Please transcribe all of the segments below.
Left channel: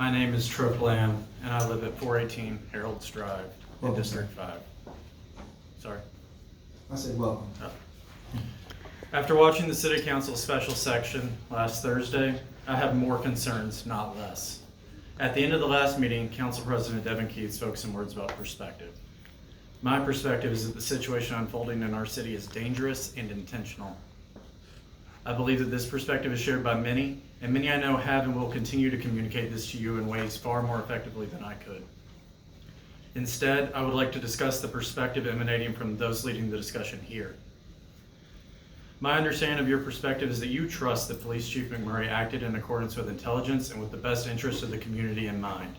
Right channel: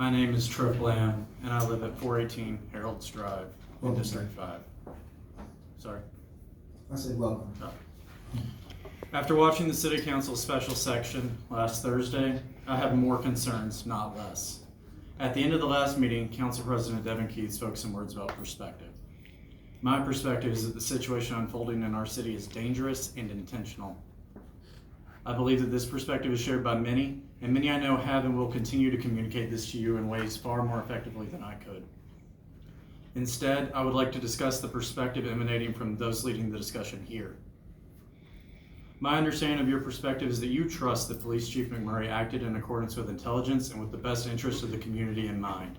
My name is Tripp, and I live at 418 Harold's Drive in Welcome, District sir. 5. Sorry. I said welcome. After watching the City Council special section last Thursday, I have more concerns, not less. At the end of the last meeting, Council President Devin Keith spoke some words about perspective. My perspective is that the situation unfolding in our city is dangerous and intentional. I believe that this perspective is shared by many, and many I know have and will continue to communicate this to you in ways far more effectively than I could. Instead, I would like to discuss the perspective emanating from those leading the discussion here. My understanding of your perspective is that you trust that Police Chief McMurray acted in accordance with intelligence and with the best interest of the community in mind.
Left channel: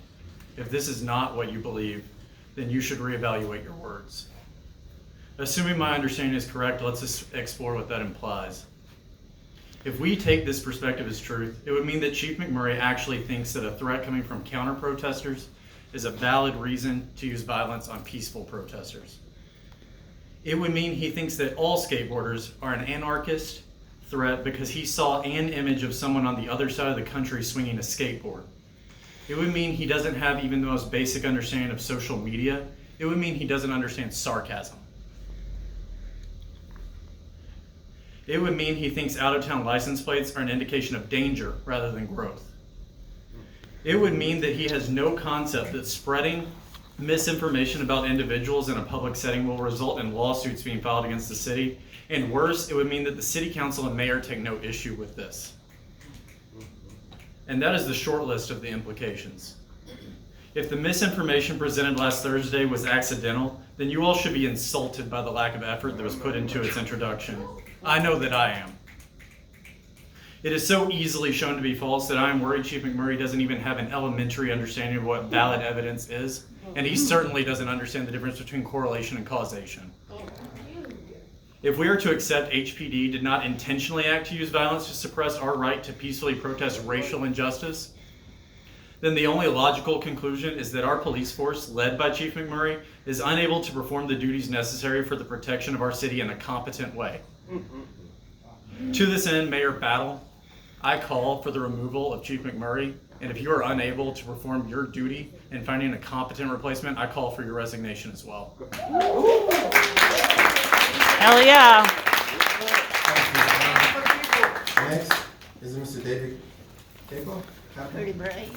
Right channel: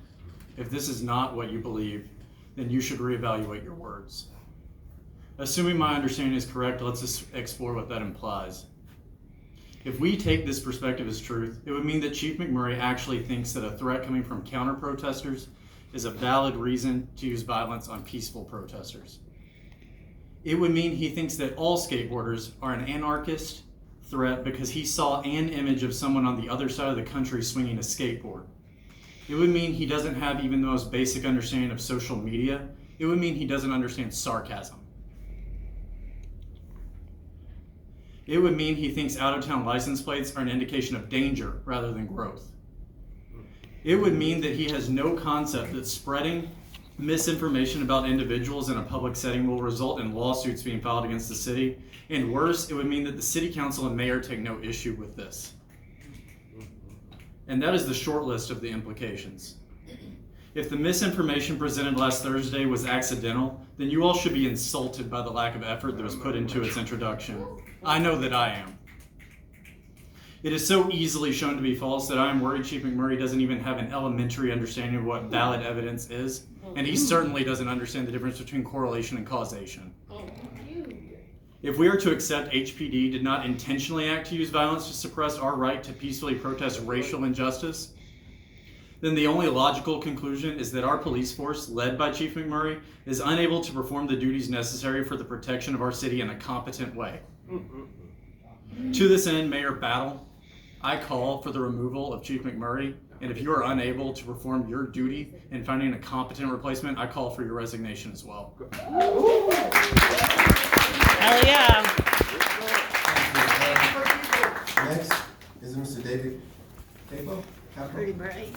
If this is not what you believe, then you should reevaluate your words. Assuming my understanding is correct, let's explore what that implies. If we take this perspective as truth, it would mean that Chief McMurray actually thinks that a threat coming from counter-protesters is a valid reason to use violence on peaceful protesters. It would mean he thinks that all skateboarders are an anarchist threat because he saw an image of someone on the other side of the country swinging a skateboard. It would mean he doesn't have even the most basic understanding of social media. It would mean he doesn't understand sarcasm. It would mean he thinks out-of-town license plates are an indication of danger rather than growth. It would mean that he has no concept that spreading misinformation about individuals in a public setting will result in lawsuits being filed against the city. And worse, it would mean that the city council and mayor take no issue with this. And that is the short list of the implications. If the misinformation presented last Thursday was accidental, then you all should be insulted by the lack of effort that was put into its introduction. I know that I am. It is so easily shown to be false that I am worried Chief McMurray doesn't even have an elementary understanding of what valid evidence is, and he certainly doesn't understand the difference between correlation and causation. If we are to accept HPD did not intentionally act to use violence to suppress our right to peacefully protest racial injustice, then the only logical conclusion is that our police force, led by Chief McMurray, is unable to perform the duties necessary for the protection of our city in a competent way. To this end, Mayor Battle, I call for the removal of Chief McMurray, and if you are unable to perform your duty in finding a competent replacement, I call for your resignation as well. Hell yeah. Next is Mr. David Capo. Pretty bright.